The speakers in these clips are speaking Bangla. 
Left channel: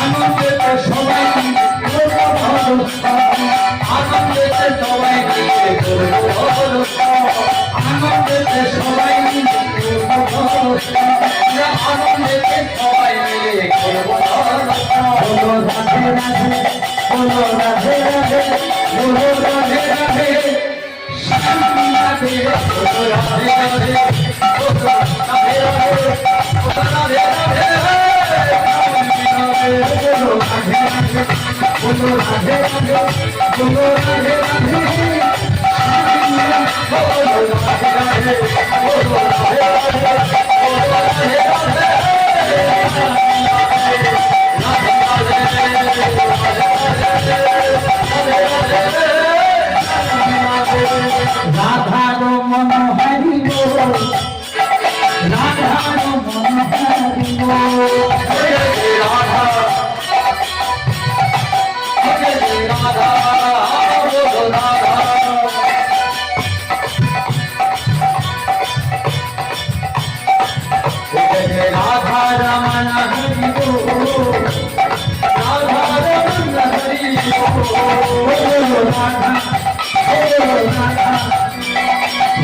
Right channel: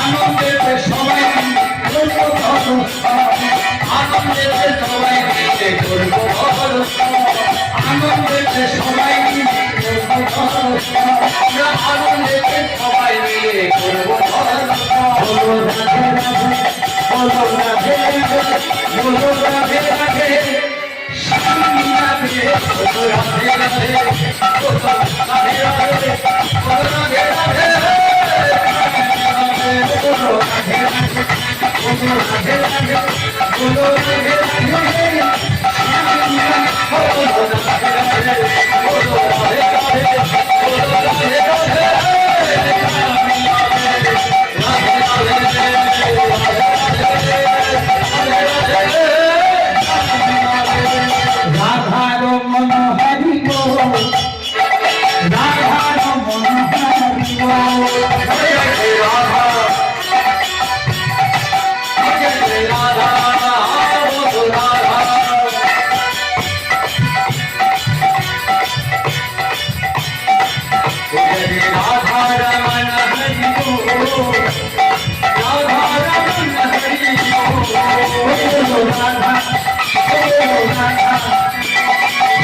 আনন্দেতে সবাই আনন্দেতে সবাই মিলে করবো আনন্দেতে সবাই মিলে আনন্দেতে সবাই মিলে করবো বলো রাধে রাধে বলো রাধে রাধে শান্তি রাধে বলো রাধে রাধে বলো রাধে রাধে বলো রাধে রাধে বলো রাধে রাধে বলো রাধে রাধে বলো রাধে রাধে শান্তি রাধে বলো রাধে রাধে বলো রাধে রাধে বলো রাধে রাধে রাধার মন হারিব রাধার মন হারিব রাধা রাধা রাধার মন হারিব রাধার মন হারিব রাধা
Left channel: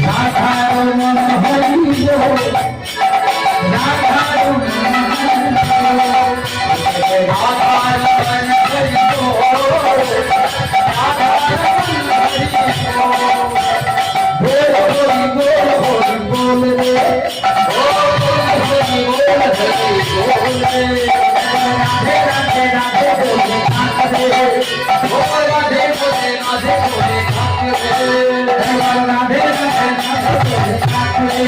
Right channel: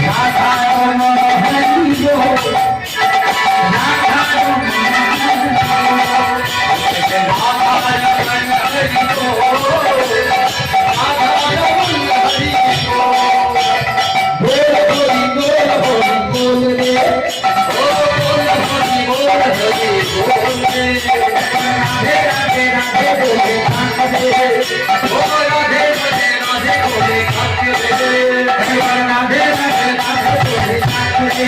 রাধার মন হরিব রাধার মন হরিব রাধার মন হরিব রাধার মন হরিব বল হরি বল হরি বল রে বল হরি বল হরি বল রে রাধে রাধে রাধে বলে কাঁদে ও রাধে রাধে রাধে বলে কাঁদে রাধে রাধে রাধে বলে কাঁদে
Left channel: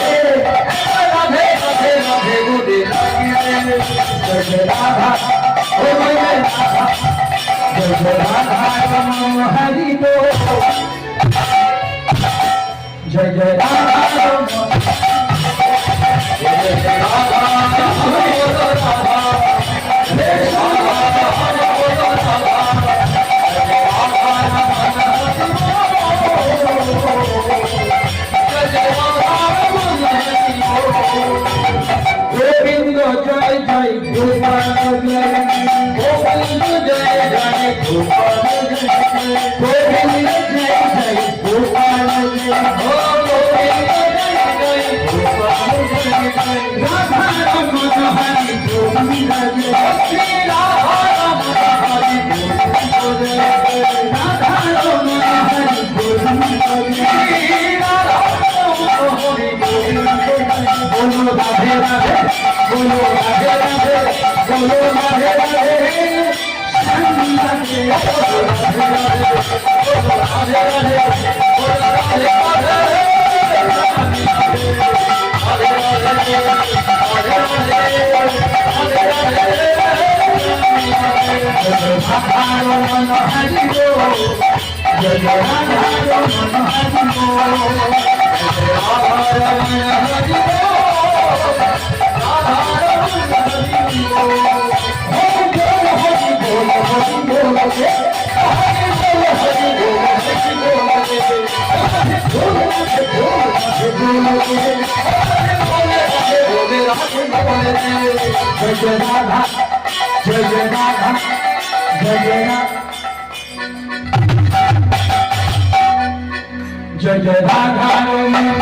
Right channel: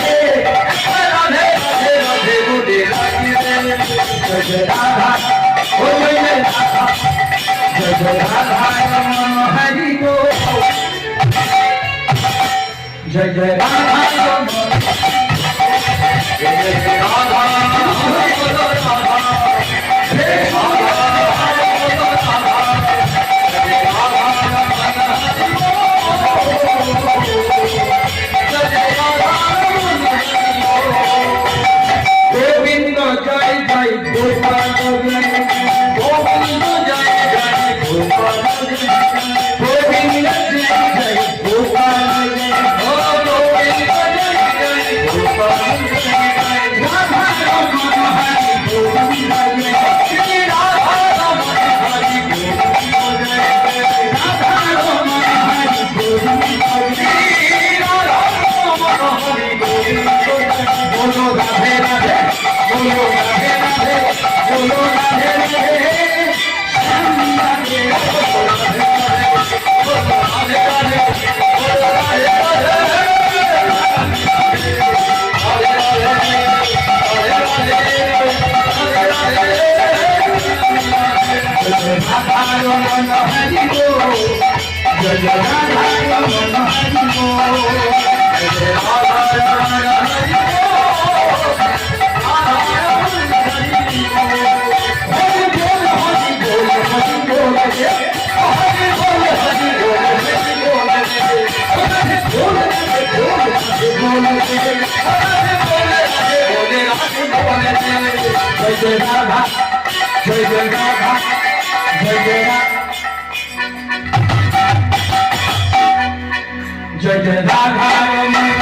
রাধে রাধে রাধে বলে কাঁদে জয় রাধা ও জয় রাধা জয় রাধা রমণ হরি গো জয় জয় রাধা রমণ জয় রাধা রাধা গোবিন্দ জয় জয় গোপাল জয় গোবিন্দ জয় জয় গোপাল গোবিন্দ জয় জয় গোপাল জয় গোবিন্দ জয় জয় গোপাল রাধা রমণ হরি গোবিন্দ জয় রাধা রমণ হরি গোবিন্দ জয় রাধা রমণ হরি গোবিন্দ জয় রাধা রমণ হরি গোবিন্দ বলো রাধে রাধে বলো রাধে রাধে বলো রাধে রাধে শান্তি রাধে বলো রাধে রাধে বলো রাধে রাধে বলো রাধে রাধে जय राधा जय जय राधा जय जय राधा जय जय राधा